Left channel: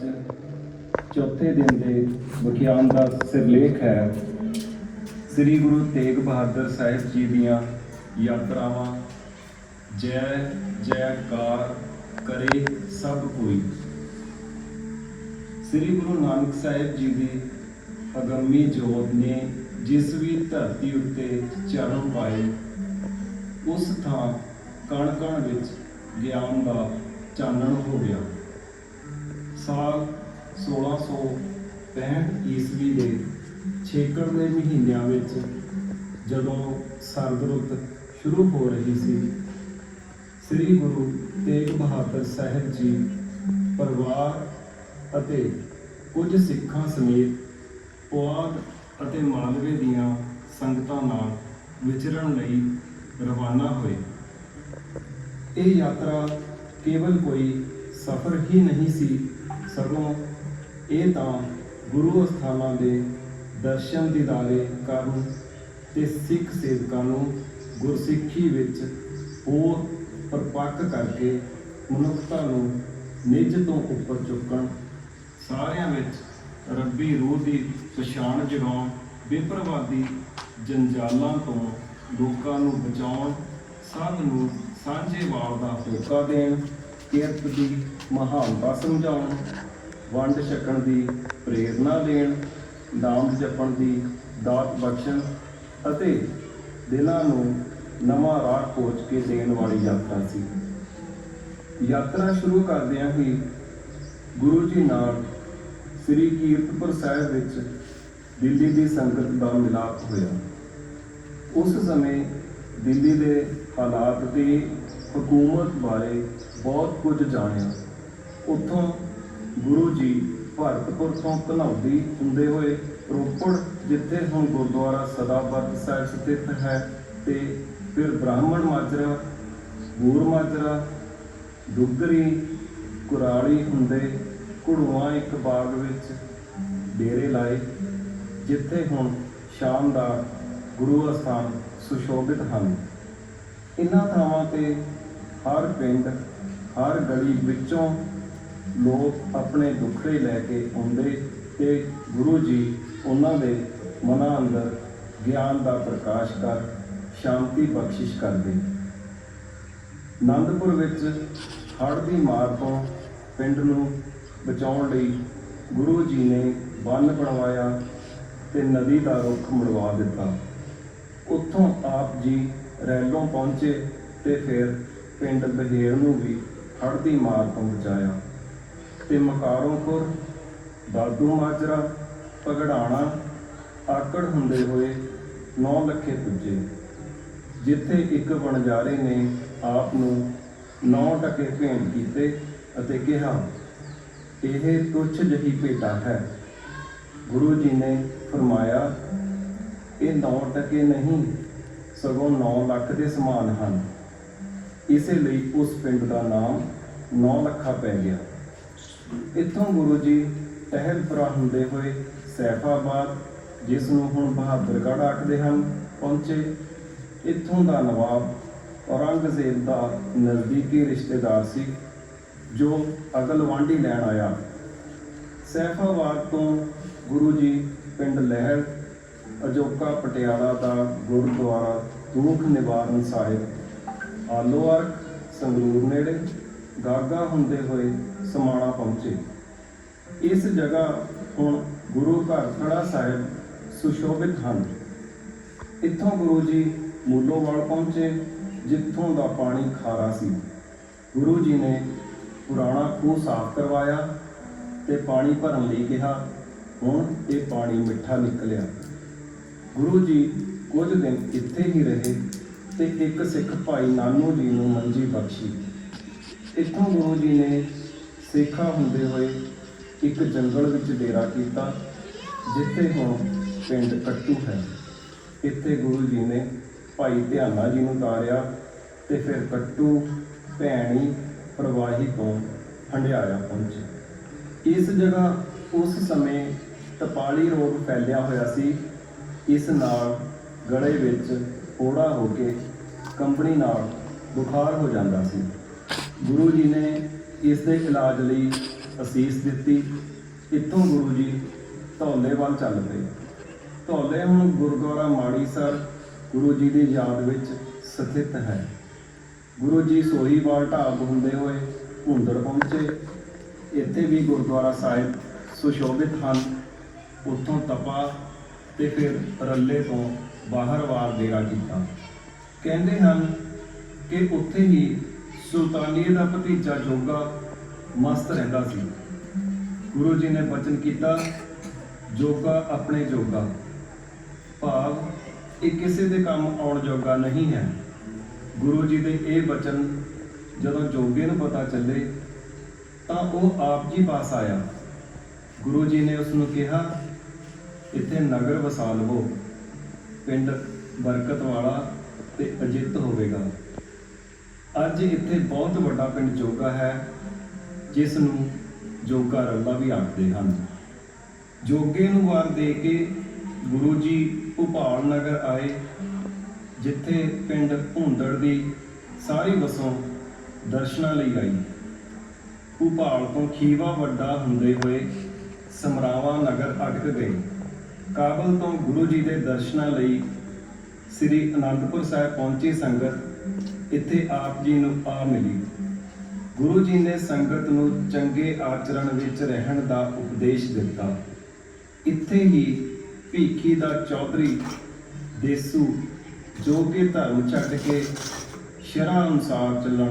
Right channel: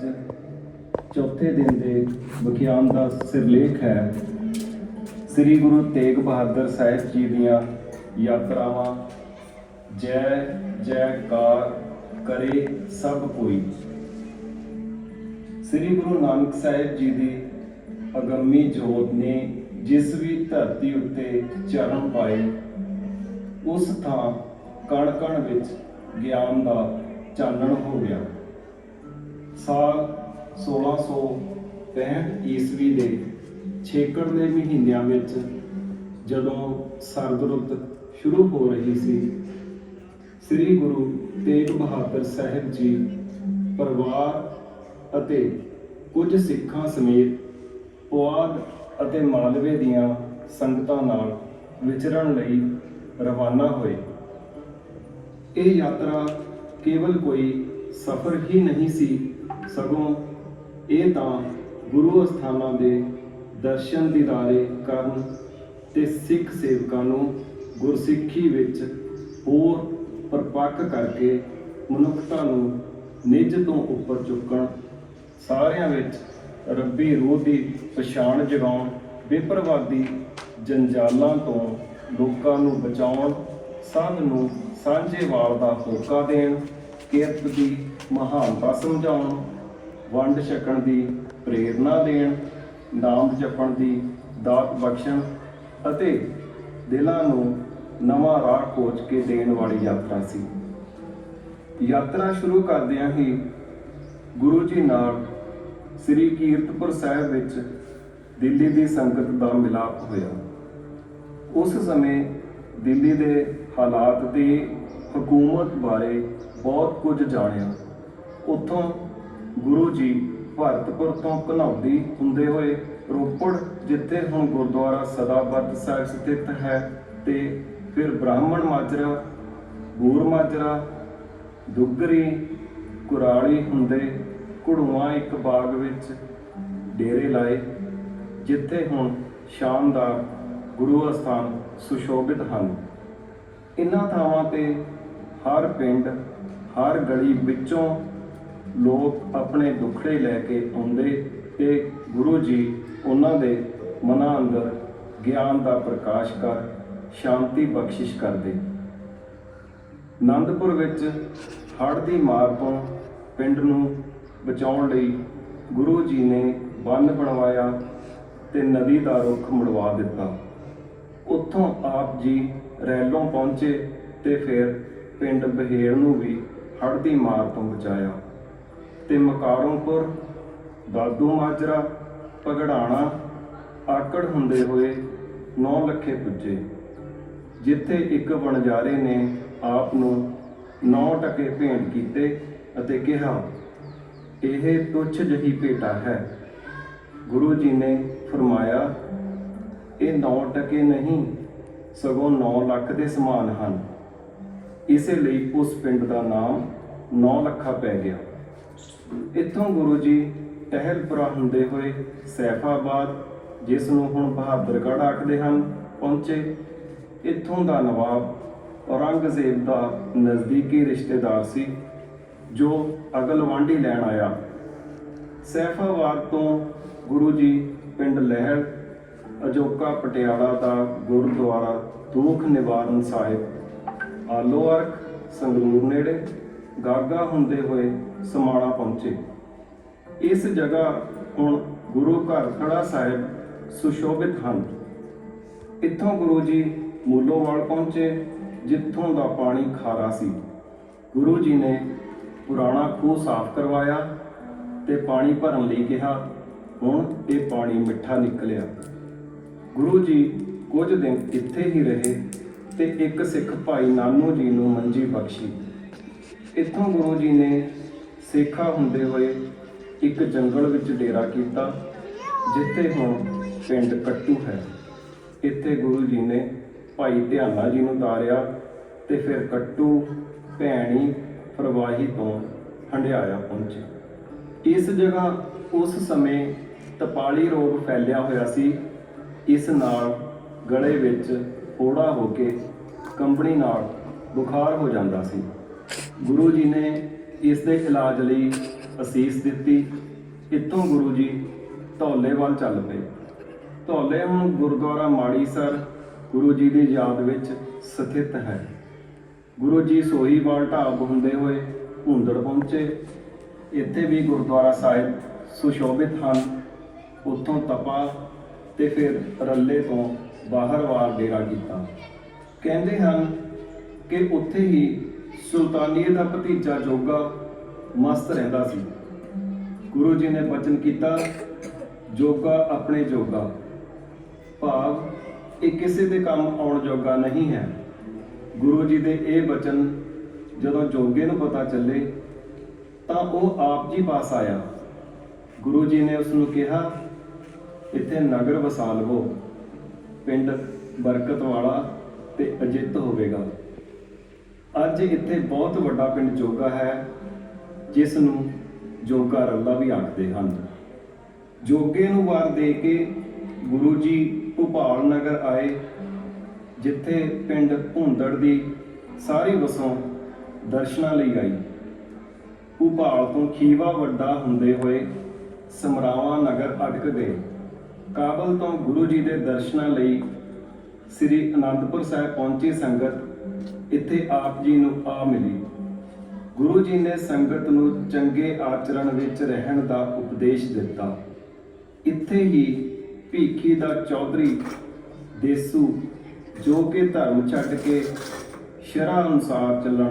ਅੱਜ ਚੌਥੇ ਦਿਨ ਦੇ ਵਿਗਿਆਨ ਦਾ ਸਿਰਲੇਖ ਹੈ। ਸ੍ਰੀ ਗੁਰੂ ਤੇਗ ਬਹਾਦਰ ਸਾਹਿਬ ਜੀ ਦੀਆਂ ਯਾਤਰਾਵਾਂ, ਜੈ, ਜੈਕਾਰ ਕਰੇ ਸਭ ਕੋਈ। ਸ੍ਰੀ ਗੁਰੂ ਨਾਨਕ ਸਾਹਿਬ ਜੀ ਦੀ ਅਗੰਮੀ ਜੋਤ ਨੇ ਜਿਸ ਵੀ ਧਰਤੀ ਉੱਤੇ ਚਰਨ ਪਾਏ, ਉਸ ਥਾਂ ਕਣ ਕਣ ਵਿੱਚ ਗਿਆਨ ਦਾ ਚਾਨਣ ਹੋ ਗਿਆ। ਸਾਲ 1665 ਈਸਵੀ ਦੇ ਛੇਕੜ ਦੇ ਮਹੀਨਿਆਂ ਵਿੱਚ ਜਦੋਂ ਸਰਦ ਰੁੱਤ ਸ਼ੁਰੂ ਹੋ ਰਹੀ ਸੀ, ਸ੍ਰੀ ਗੁਰੂ ਤੇਗ ਬਹਾਦਰ ਸਾਹਿਬ ਜੀ ਪਰਿਵਾਰ ਅਤੇ ਕੁਝ ਸਿੱਖਾਂ ਸਮੇਤ ਪੁਆਧ ਅਤੇ ਮਾਲਵੇ ਦੀਆਂ ਸੰਗਤਾਂ ਨਾਲ ਵਿਚਰਨ ਲਈ ਰਵਾਨਾ ਹੋਏ। ਇਹ ਯਾਤਰਾ ਕੇਵਲ ਕੋਈ ਸਫ਼ਰ ਹੀ ਨਹੀਂ ਸੀ ਸਗੋਂ ਇਹ ਤਾਂ ਗੁਰੂ ਅਸਥਾਨਾਂ ਦੇ ਦਰਸ਼ਨ ਦੀਦਾਰੇ ਕਰਨ ਤੇ ਸਿੱਖ ਸੇਵਕਾਂ ਨੂੰ ਗੁਰਸਿੱਖੀ ਵਿੱਚ ਹੋਰ ਪਰਪੱਕ ਕਰਕੇ ਮਨੁੱਖਤਾ ਨੂੰ ਨਿੱਜ ਤੋਂ ਉੱਪਰ ਚੁੱਕਣ, ਸਾਰਿਆਂ ਵਿੱਚ ਰੱਬੀ ਰੂਹ ਦੀ ਪਛਾਣ ਜਗਾਉਣ, ਬੇਪਰਵਾਦੀ ਜੰਜਾਲਾਂ ਤੋਂ ਲੋਕਾਂ ਨੂੰ ਬਚਾਉਣ, ਸਭ ਨੂੰ ਸਾਂਝੇ ਵਾਲ ਦਾ ਹੋਕਾ ਦੇਣ ਕਿਰਤ ਦੀ ਮਹਾਨਤਾ ਸਮਝਾਉਣ ਵੰਡ ਛਕਣ ਦੀ ਪ੍ਰੇਰਣਾ ਦੇਣ, ਨਾਮ ਜਪਣ ਦੀ ਦਾਤ ਬਖਸ਼ਣ ਅਤੇ ਦਿਲਾਂ ਨੂੰ ਨਵਾਂ ਰਾਹ ਕੋਚ ਕੇ ਦੇਣ ਵਾਲੀ ਯਾਤਰਾ ਸੀ। ਯਾਤਰਾ ਸ਼ੁਰੂ ਕਰਦਿਆਂ ਹੀ ਗੁਰੂ ਜੀ ਨਾਲ ਸ੍ਰੀ ਕੀਰਤਪੁਰ ਸਾਹਿਬ ਵਿੱਚ ਦਿੱਲੀ ਦੀ ਸੰਗਤ ਦਾ ਮਿਲਾਪ ਹੋਇਆ। ਉਸ ਸਮੇਂ ਦਿੱਲੀ ਦੇ ਹਾਲਾਤ ਦੀ ਹਕੂਮਤ ਬਾਰੇ ਬਹੁਤ ਕੁਝ ਜਾਣਿਆ। ਉੱਥੋਂ ਗੁਰੂ ਜੀ ਭਾਰਤਪੁਰ ਤੋਂ ਘਨੌਦੀ ਹੁੰਦੇ ਹੋਏ ਰੋਪੜ, ਜਿੱਥੇ ਹੁਣ ਗੁਰਦੁਆਰਾ ਸਦਾਬੱਤ ਸਾਹਿਬ ਸਥਿਤ ਹੈ ਤੇ ਫਿਰ ਬ੍ਰਾਹਮਣ ਮਾਜਰਾ ਗੂਰ ਮਾਜਰਾ, ਦੁੱਗਰੀ, ਕੁਰਾਲੀ ਹੁੰਦੇ ਘੁੜਵਾ ਇੱਕ ਬਾਗ ਵਿੱਚ ਡੇਰੇ ਲਾਏ, ਜਿੱਥੇ ਹੁਣ ਸ਼ਾਨਦਾਰ ਗੁਰੂ ਅਸਥਾਨ ਸੁਸ਼ੋਭਿਤ ਹਨ। ਇਨ੍ਹਾਂ ਥਾਵਾਂ ਤੇ ਹਰ ਪਿੰਡ, ਹਰ ਗਲੀ ਵਿੱਚੋਂ ਲੋਕ ਆਪਣੇ ਦੁੱਖੜੇ ਲੈ ਕੇ ਆਉਂਦੇ ਤੇ ਗੁਰੂ ਜੀ ਉਹਨਾਂ ਦੇ ਮਨਾਂ ਅੰਦਰ ਗਿਆਨ ਦਾ ਪ੍ਰਕਾਸ਼ ਕਰ ਸ਼ਾਂਤੀ ਬਖਸ਼ਿਸ਼ ਕਰਦੇ। ਆਨੰਦਪੁਰ ਵਿੱਚ ਹੜ੍ਹ ਦੀ ਮਾਰ ਤੋਂ ਪਿੰਡ ਨੂੰ ਬਚਾਉਣ ਲਈ ਗੁਰੂ ਜੀ ਨੇ ਬੰਨ ਬਣਵਾਇਆ ਤੇ ਨਦੀ ਦਾ ਰੁੱਖ ਮੁੜਵਾ ਦਿੱਤਾ। ਉੱਥੋਂ ਆਪ ਜੀ ਰੈਲੋਂ ਪਹੁੰਚੇ ਤੇ ਫਿਰ ਪਿੰਡ ਬਹੇਲ ਨੂੰ ਵੀ ਹੜ੍ਹ ਦੀ ਮਾਰ ਤੋਂ ਬਚਾਇਆ ਤੇ ਮਕਾਰੋਂਪੁਰ ਦਾਦੂ ਮਾਜਰਾ ਪਗੜਾਣਾ ਆਕੜ ਹੁੰਦੇ ਹੋਏ 9 ਲੱਖੇ ਪੁੱਜੇ, ਜਿੱਥੇ ਇੱਕ ਵਣਜਾਰੇ ਨੇ ਆਪ ਨੂੰ 9 ਟਕੇ ਭੇਂਟ ਕੀਤੇ ਅਤੇ ਕਿਹਾ, ਇਹ ਤੁੱਛ ਜਿਹੀ ਭੇਟਾ ਹੈ। ਗੁਰੂ ਜੀ ਨੇ ਫਰਮਾਇਆ ਇਹ 9 ਟਕੇ ਨਹੀਂ, ਸਗੋਂ 9 ਲੱਖ ਦੇ ਸਮਾਨ ਹਨ। ਇਸੇ ਲਈ ਉਸ ਪਿੰਡ ਦਾ ਨਾਮ 9 ਲੱਖਾ ਪੈ ਗਿਆ। ਇੱਥੋਂ ਗੁਰੂ ਜੀ ਟਹਿਲਪੁਰਾ ਹੁੰਦੇ ਹੋਏ ਸੈਫਾਬਾਦ, ਜਿਸ ਨੂੰ ਹੁਣ ਬਹਾਦਰਗੜ੍ਹ ਆਖਦੇ ਹਨ, ਪਹੁੰਚੇ। ਇੱਥੋਂ ਦਾ ਨਵਾਬ ਔਰੰਗਜ਼ੇਬ ਦਾ ਨਜ਼ਦੀਕੀ ਰਿਸ਼ਤੇਦਾਰ ਸੀ, ਜੋ ਅਗਲ ਵਾਂਢੀ ਲੈਣ ਆਇਆ। ਸੈਫਾਬਾਦ ਤੋਂ ਗੁਰੂ ਜੀ ਪਿੰਡ ਲਹਿਰ ਅਜੋਕਾ ਪਟਿਆਲਾ ਦਾ ਗੁਰਦੁਆਰਾ ਦੁੱਖ ਨਿਵਾਰਨ ਸਾਹਿਬ। ਆਲੋਅਰਕ ਸੰਗਰੂਰ ਨੇੜੇ ਗਾਗਾ ਹੁੰਦੇ ਹੋਏ ਸਮਾਣਾ ਪਹੁੰਚੇ। ਇਸ ਜਗ੍ਹਾ ਹੁਣ ਗੁਰੂ ਘਰ ਥੜਾ ਸਾਹਿਬ ਸੁਸ਼ੋਭਿਤ ਹਨ। ਇੱਥੋਂ ਗੁਰੂ ਜੀ ਮੂਲੋਵਾਲ ਪਹੁੰਚੇ, ਜਿੱਥੋਂ ਦਾ ਪਾਣੀ ਖਾਰਾ ਸੀ। ਗੁਰੂ ਜੀ ਨੇ ਪੁਰਾਣਾ ਖੂਹ ਸਾਫ਼ ਕਰਵਾਇਆ ਤੇ ਪਾਣੀ ਭਰਨ ਲਈ ਕਿਹਾ, ਹੁਣ ਇਹ ਪਾਣੀ ਮਿੱਠਾ ਨਿਕਲਿਆ। ਗੁਰੂ ਜੀ ਕੁਝ ਦਿਨ ਇੱਥੇ ਹੀ ਰਹੇ ਤੇ ਇੱਕ ਸਿੱਖ ਭਾਈ ਨਾਨੂ ਜੀ ਨੂੰ ਮੰਜੀ ਬਖਸ਼ੀ। ਇੱਥੋਂ ਗੁਰੂ ਜੀ ਨੇ ਸੇਖਾ ਹੁੰਦੇ ਹੋਏ ਇੱਕ ਜੰਗਲ ਵਿੱਚ ਡੇਰਾ ਕੀਤਾ, ਜਿੱਥੇ ਹੁਣ ਪਿੰਡ ਕੱਟੂ ਹੈ। ਇੱਥੇ ਗੁਰੂ ਜੀ ਨੇ ਭਾਈ ਧਿਆਨਾ ਜੀ ਨੂੰ ਤਾਰਿਆ ਤੇ ਫਿਰ ਕੱਟੂ, ਭੈਣੀ, ਪ੍ਰਵਾਹੀ ਤੋਂ ਹੰਡਿਆਇਆ ਪਹੁੰਚੇ। ਇਸ ਜਗ੍ਹਾ ਉਸ ਸਮੇਂ ਤਪਾਲੀ ਰੋਗ ਫੈਲਿਆ ਹੋਇਆ ਸੀ। ਇਸ ਨਾਲ ਗਲੇ ਵਿੱਚ ਕੋੜਾ ਹੋ ਕੇ ਕੰਬਣੀ ਨਾਲ ਬੁਖਾਰ ਹੋ ਜਾਂਦਾ ਸੀ। ਗੁਰੂ ਜੀ ਨੇ ਇਸ ਦੇ ਇਲਾਜ ਲਈ ਅਸੀਸ ਦਿੱਤੀ। ਇੱਥੋਂ ਗੁਰੂ ਜੀ ਧੌਲੇ ਵੱਲ ਚੱਲ ਪਏ। ਧੌਲੇ ਹੁਣ ਗੁਰਦੁਆਰਾ ਮਾੜੀ ਸਰ ਗੁਰੂ ਜੀ ਦੀ ਯਾਦ ਵਿੱਚ ਸਥਿਤ ਹੈ। ਗੁਰੂ ਜੀ ਸੋਹੀਵਾਲ ਢਾਬ ਹੁੰਦੇ ਹੋਏ ਹੁੰਦੜ ਪਹੁੰਚੇ। ਇੱਥੇ ਵੀ ਗੁਰਦੁਆਰਾ ਸਾਹਿਬ ਸੁਸ਼ੋਭਿਤ ਹਨ। ਉੱਥੋਂ ਤਪਾ ਤੇ ਫਿਰ ਰੱਲੇ ਤੋਂ ਬਾਹਰ ਵਾਰ ਡੇਰਾ ਕੀਤਾ। ਕਹਿੰਦੇ ਹਨ ਕਿ ਉੱਥੇ ਹੀ ਸੁਲਤਾਨੀਏ ਦਾ ਭਤੀਜਾ ਜੋਗਾ ਮਸਤ ਰਹਿੰਦਾ ਸੀ। ਗੁਰੂ ਜੀ ਨੇ ਬਚਨ ਕੀਤਾ, ਜੋਗਾ ਆਪਣੇ ਜੋਗਾ। ਭਾਵ, ਇਹ ਕਿਸੇ ਦੇ ਕੰਮ ਆਉਣ ਜੋਗਾ ਨਹੀਂ ਹੈ। ਗੁਰੂ ਜੀ ਦੇ ਇਹ ਬਚਨ ਜਦੋਂ ਜੋਗੇ ਨੂੰ ਪਤਾ ਚੱਲੇ, ਤਾਂ ਉਹ ਆਪ ਜੀ ਪਾਸ ਆਇਆ। ਗੁਰੂ ਜੀ ਨੇ ਉਸ ਨੂੰ ਕਿਹਾ ਇੱਥੇ ਨਗਰ ਵਸਾ ਲਵੋ ਪਿੰਡ ਬਰਕਤ ਵਾਲਾ ਤੇ ਅਜਿੱਤ ਹੋਵੇਗਾ। ਅੱਜ ਇੱਥੇ ਬਹੁਤ ਵੱਡਾ ਪਿੰਡ ਜੋਗਾ ਹੈ, ਜਿਸ ਨੂੰ ਜੋਗਾ ਰੱਲਾ ਵੀ ਆਖਦੇ ਹਨ। ਜੋਗੇ ਨੂੰ ਵਾਰ ਦੇ ਕੇ ਗੁਰੂ ਜੀ ਭੋਪਾਲ ਨਗਰ ਆਏ, ਜਿੱਥੇ ਪਿੰਡ ਭੁੰਦੜ ਦੀ ਸਾਰੀ ਵਸੋਂ ਦਰਸ਼ਨਾਂ ਲਈ ਆਈ। ਭੋਪਾਲ ਤੋਂ ਖੀਵਾ ਵੱਡਾ ਹੁੰਦੇ ਹੋਏ ਸਮਰਾਵਾ ਨਗਰ ਅਟਕ ਗਏ। ਕਾਬਲ ਤੋਂ ਗੁਰੂ ਜੀ ਦੇ ਦਰਸ਼ਨਾਂ ਲਈ ਸ੍ਰੀ ਅਨੰਦਪੁਰ ਸਾਹਿਬ ਪਹੁੰਚੀ ਸੰਗਤ ਇੱਥੇ ਆਪ ਜੀ ਨੂੰ ਆ ਮਿਲੀ। ਗੁਰੂ ਜੀ ਨੇ ਸੰਗਤ ਨੂੰ ਚੰਗੇ ਆਚਰਣ ਵਿੱਚ ਰਹਿਣ ਦਾ ਉਪਦੇਸ਼ ਦਿੱਤਾ। ਇੱਥੇ ਹੀ ਭੀਖੀ ਦਾ ਚੌਧਰੀ ਦੇਸੂ ਜੋ ਕਿ ਧਰਮ ਛੱਡ ਕੇ ਸ਼ਰਾਂ ਅਨੁਸਾਰ ਚੱਲਣ